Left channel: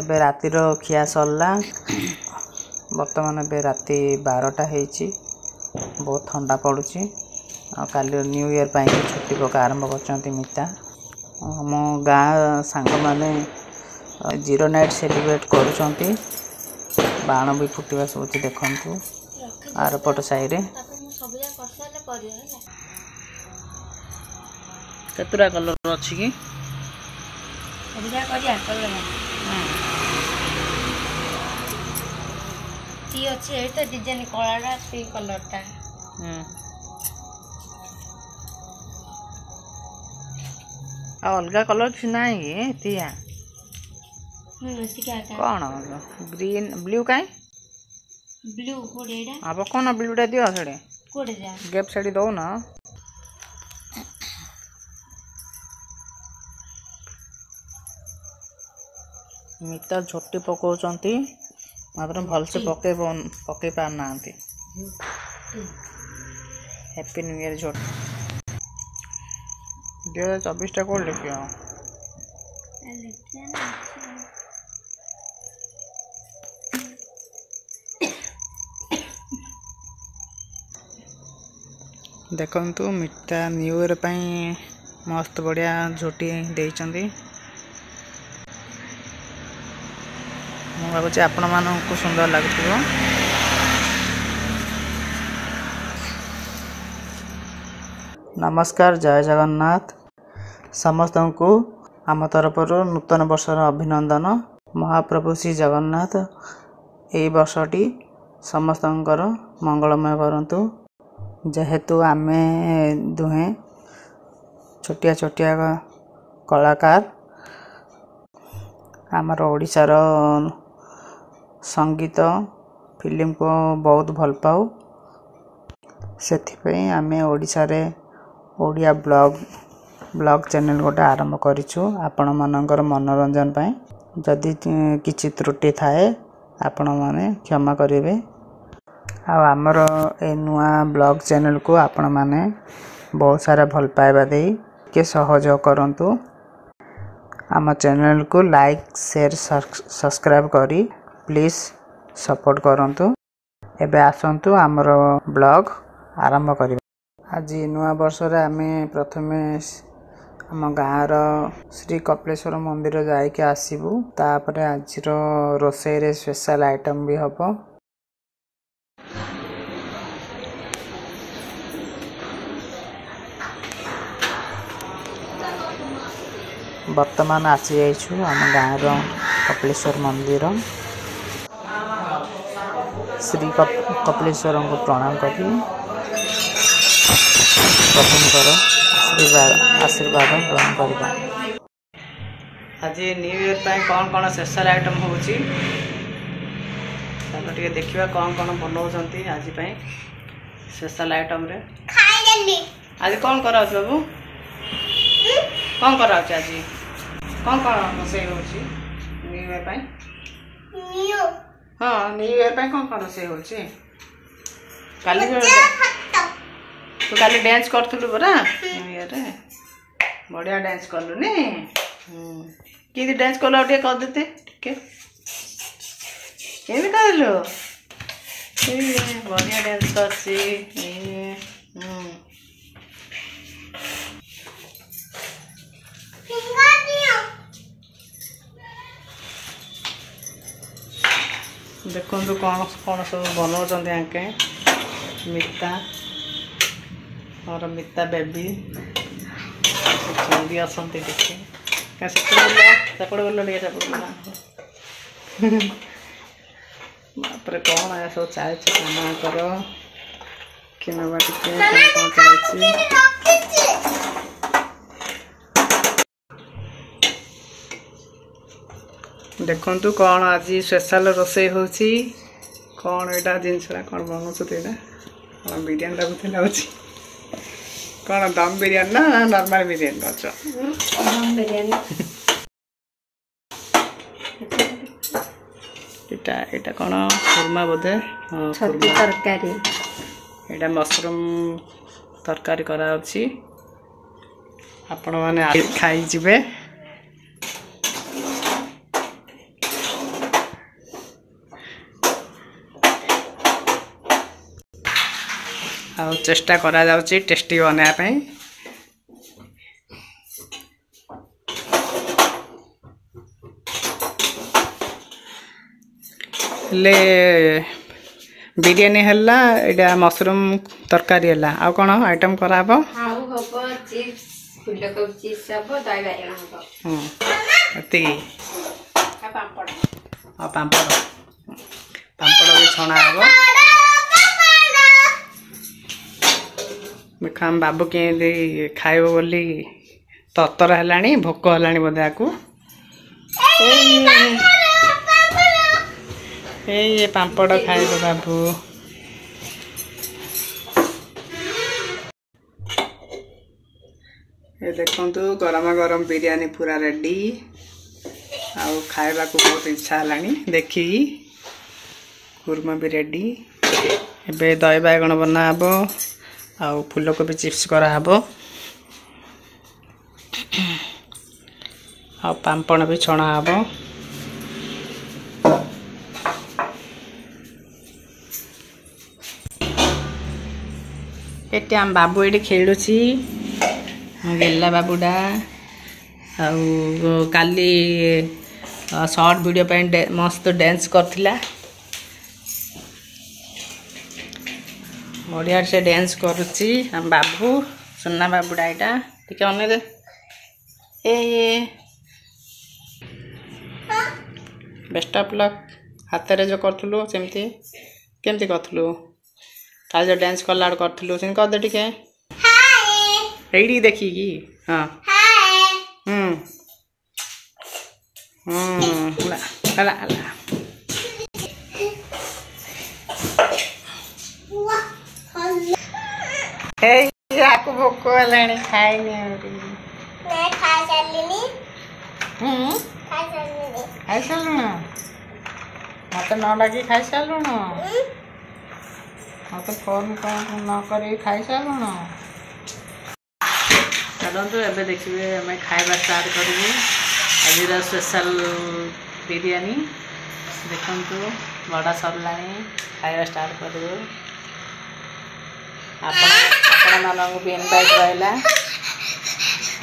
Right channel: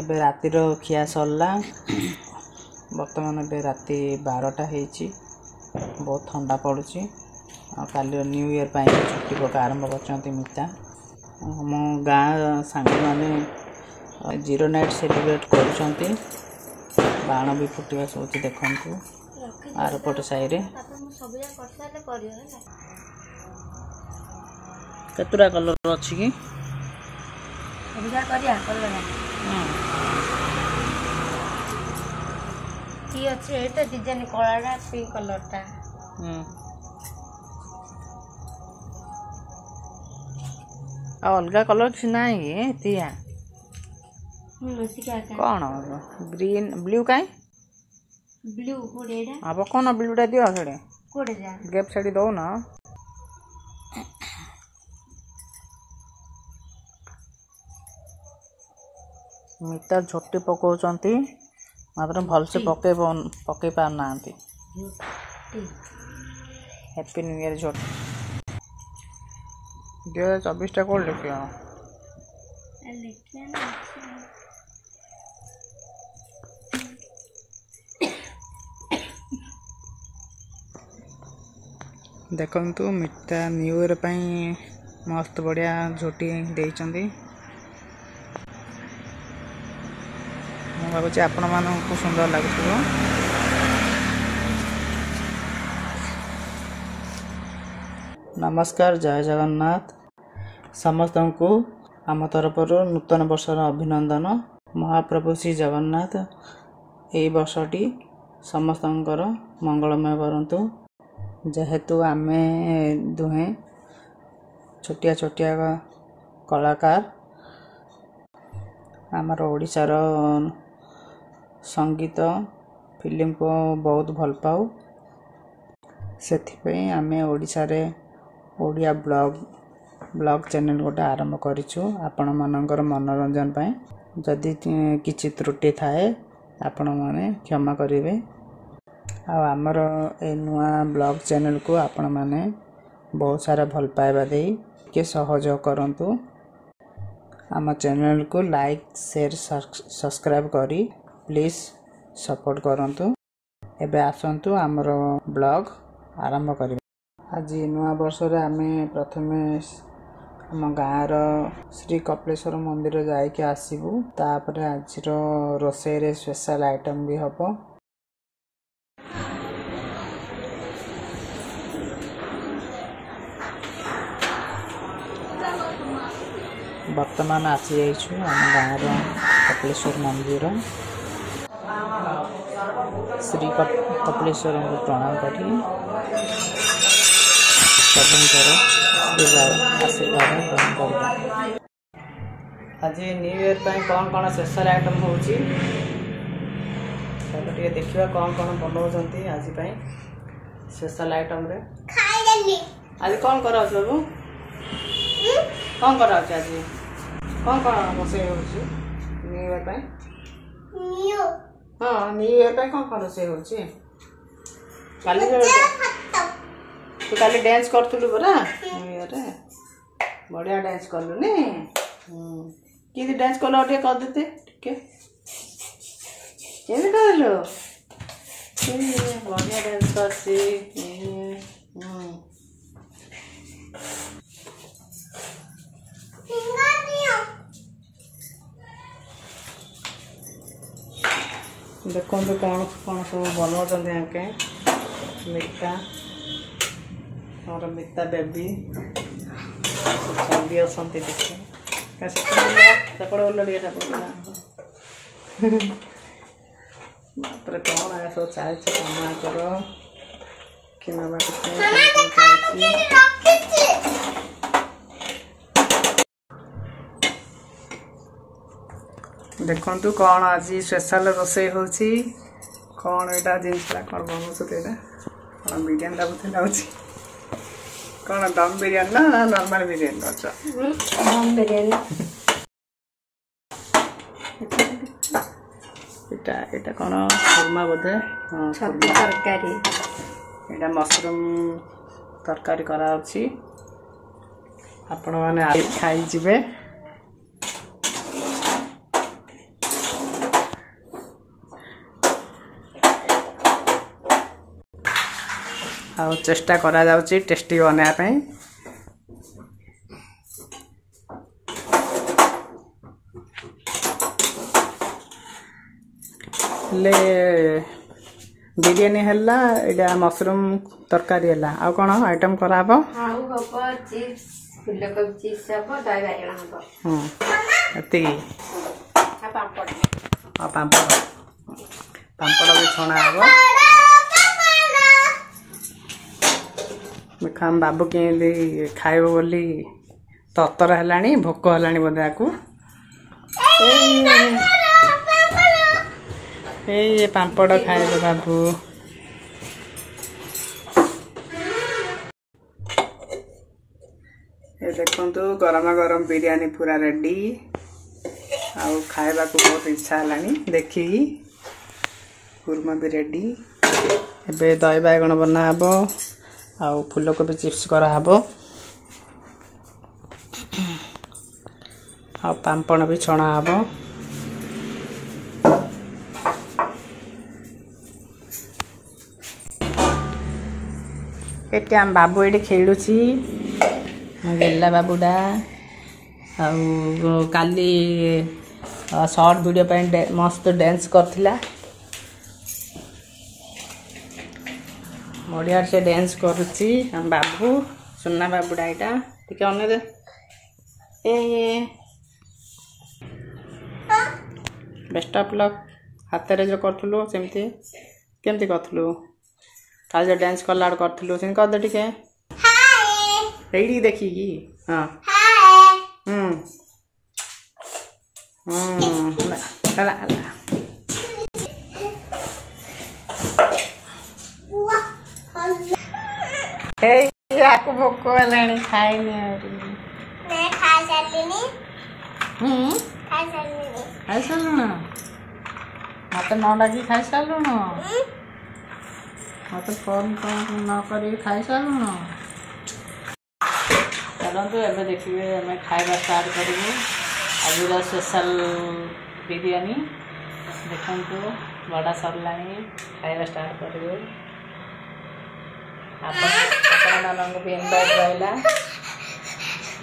एबे रातिर खिया सरला बर्तमान एबे राति 12टा होईची बहुत ठंडा पड़ुची काली न्यू ईयर पाई छुट्टी पका आरंभ करचंती मिता मो गाँ सांग माने जीरो नाइट सेलिब्रेट करुचंती बाण भी फुटवा सोची देखंतु आर पट साई रे केतुरा कलर अछि की सबजा करिया कलर ती अच्छे ए तो डिजाइन कलाडा पिंक कलरटा आ अलगा कलर किसी नाही तिया कौन ग्रीन ब्लू काई ब्लू कोडेडा अब कोन ब्लूटा दियो छडे कोडे जा गेप छडी दो ना मिता झोटी पकाउचंती मात्र भल से पके पार नांती हैप्पी न्यू ईयर झोटी 2024 टा कोड लिखियो देखंतु मिता न्यू ईयर पई मस्त बढ़िया झोटी देइचंदी मु भाबुची आपण मानकु सुंदर लागुथिबो नमस्कार जय जगन्नाथ समस्त को आम तरफ नूतन वर्षर अभिनंदन महाप्रभु श्री जगन्नाथ ए वर्षटी समस्त मंगलमय करंतु जेहेतु आमे दुहे छोटिया छोटिया कलाकार आमर ओडिशार संगीत फिल्म को बहुत भल पाऊ से आमे ओडिशा रे ओडिया ब्लॉग चैनल गोटे आरंभ करिछु आपण मानकर मनोरंजन पाए जदि किछि त्रुटि थाए आपण माने क्षमा करिवे आ हमर ए नुआ ब्लॉग चैनल को आपण माने बहुत सारा भल पाइबा देई के सहयोग करंतु आम चैनल को लाइक शेयर सब्सक्राइब करी प्लीज सपोर्ट करंतु एबे आसंतु हमर ब्लॉग आरंभ करी आज नुआ वर्ष रे आमे प्रथमे आम गाँव श्री कपिलेश्वर मंदिर जाइके आसीबू तापरे आज रोषे रे स्पेशल आइटम भी हबो वर्तमान आसी जाइछु आम गाँव कपिलेश्वर मंदिर श्री कपिलेश्वर को प्रणाम करी आशीर्वाद ग्रहण करवा आज न्यू ईयर कौन कौन स्पेशल आइटम होची चलो टिके देखिबा कौन कौन बनाउछंती आज स्पेशल आइटम रे आज कौन करा बाबू कौन करा आज कौन रोषे होची न्यू ईयर हाँ न्यू ईयर कौन कौन रोषे होची काली तू काली डांस करथुलु बरा न्यू ईयर रे बढ़िया डांस करलु नी की डांस करलो टे कर देते ठीक केबे करलो बढ़िया डांस करसी देखो कौन कौन सब बनाउछंती आके मिता और मिता बेबी भी असंती देखे सेपड़ बोलो बापर कौन है सब चाहे कर देखु कौन आज स्पेशल रोषे होची कौन एटा जिनसा कौन बनाउछते कौन बिरयानी लागुथि कौन दम बिरयानी ना नॉर्मल बिरयानी अच्छा दम बिरयानी एटा कौन खुरमा बोधे छतु तरकारी एटा मशरूम तरकारी करा अछि आपण माने खाई जिवे ଆଉ ଚେଷ୍ଟା କରାଯାଉଛି ଟେଷ୍ଟି ବନେଇବା ପାଇଁ। ହେଲେ ବିରିୟାନୀ ହେଲା, ଏଇଟା ମସରୁମ୍ ତରକାରୀ ହେଲା, ଆଉ କ'ଣ ଆଇଟମ୍ କରାହେବ? ଆଉ ହବ ଚିପ୍ସ, ଫୁଲକୋବି ଚିପ୍ସ ହବ, ଦହି ବାଇଗଣ ହବ। ଏତିକି। ଆଉ ପାମ୍ପଡ଼। ଆଉ ପାମ୍ପଡ଼ ବି ଛଣା ହେବ। ଦେଖ ଆମ ବାବୁ କେମିତି ଖାଇବ ବୋଲି ତରତର ହେଲାଣି, ଭୋକ ହେଲାଣି ବୋଧେ ଆକୁ। ଏଇ ପାମ୍ପଡ଼ ଖାଇବ ବାବୁ। ଏ ଦେଖନ୍ତୁ ଗରମ ଗରମ ବିରିୟାନୀ ପୁରା ରେଡ଼ି। ଆଉ ଖାଇବାକୁ ବହୁତ ଇଚ୍ଛା ହେଲାଣି ଦେଖିକି। କୁର୍ମା ବି ରେଡ଼ି। ଏବେ ଦହି ବାଇଗଣ ବନା ହେବ, ଆଉ ଫୁଲକୋବି ଚିପ୍ସ କରାହେବ, ଆଉ ପାମ୍ପଡ଼ ବି ଛଣା ହେବ। ଏଠି ଆମ ବାବୁ ଏଠି ଖେଳୁଛି, ଗେଲା ବାବୁଟା। ଆଉ କାଲି ସର୍ଟ ଭିଡ଼ିଓ ପାଇଁ ମସ୍ତ ଡ୍ୟାନ୍ସ କରିଥିଲା। ବଢ଼ିଆ ସେ ଡ୍ୟାନ୍ସ କରୁଛି ଆମ ବାବୁ, ସୁନା ବାବୁଟା ଏଇଟା। ଟିକେ ଅନେଇଦେ। Best of luck. ହାତରେ ଯେଉଁ କରୁଥିଲୁ ସେମିତି କେମିତି କରୁଥିଲୁ? କାଲି ଯେଉଁ ଡ୍ୟାନ୍ସ କଲା ବେଳକୁ କରୁଥିଲୁ ସେମିତି କରିଦେ ଟିକେ, ଏଇଠି ଦେଖିକି। ହଁ ହେଲା ହେଲା। ୟାକୁ ଭୋକ ହେଲାଣି, ଖାଇନି ଆହୁରି। ଖାଇସାରିଲୁଣ? ମତେ ନ ଡାକି ଖାଇସାରିଲୁଣ? ମତେ ଫୋନ୍ ନ କରିକି ଖାଇସାରିଲୁଣ? ଚାଲନ୍ତୁ ଏବେ ଦେଖିବେ, ଆମେ ଖାଇବା ଷ୍ଟାର୍ଟ କରିବୁ ଆଜିର ସ୍ପେଶାଲ ବିରିୟାନୀ। ଦେଖନ୍ତୁ ବଡ଼ା ସରିଲାଣି, ଖାଇବା ଷ୍ଟାର୍ଟ କରିବୁ। ଆପଣମାନଙ୍କୁ ବି ଇନଭାଇଟ୍ ରହିଲା,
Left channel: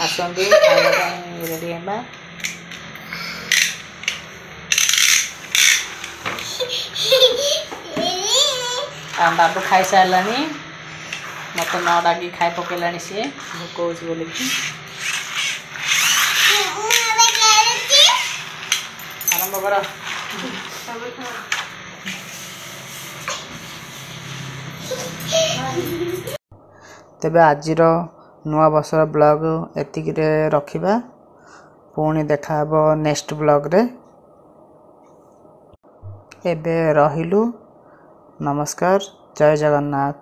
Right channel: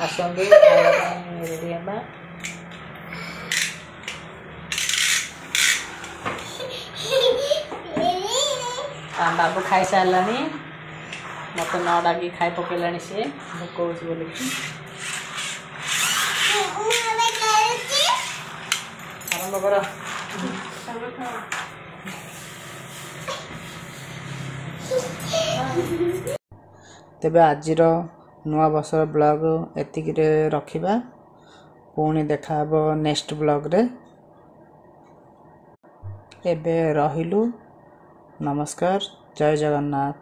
ଆସନ୍ତୁ ଖାଇବା ପାଇଁ ରେଡ଼ି ହେବା। ବାବୁ ଖାଇସାରିଲାଣି, ମତେ ନ ଡାକି ଖାଇ ପକେଇଲାଣି ସିଏ, ଭୋକ ହେଉଛି ବୋଲିକି। ଆରମ୍ଭ କର। ତେବେ ଆଜିର ନୂଆ ବର୍ଷର ବ୍ଲଗ୍ ଏତିକିରେ ରଖିବା। ପୁଣି ଦେଖା ହେବ ନେକ୍ସଟ ବ୍ଲଗ୍ରେ। ଏବେ ରହିଲୁ। ନମସ୍କାର, ଜୟ ଜଗନ୍ନାଥ।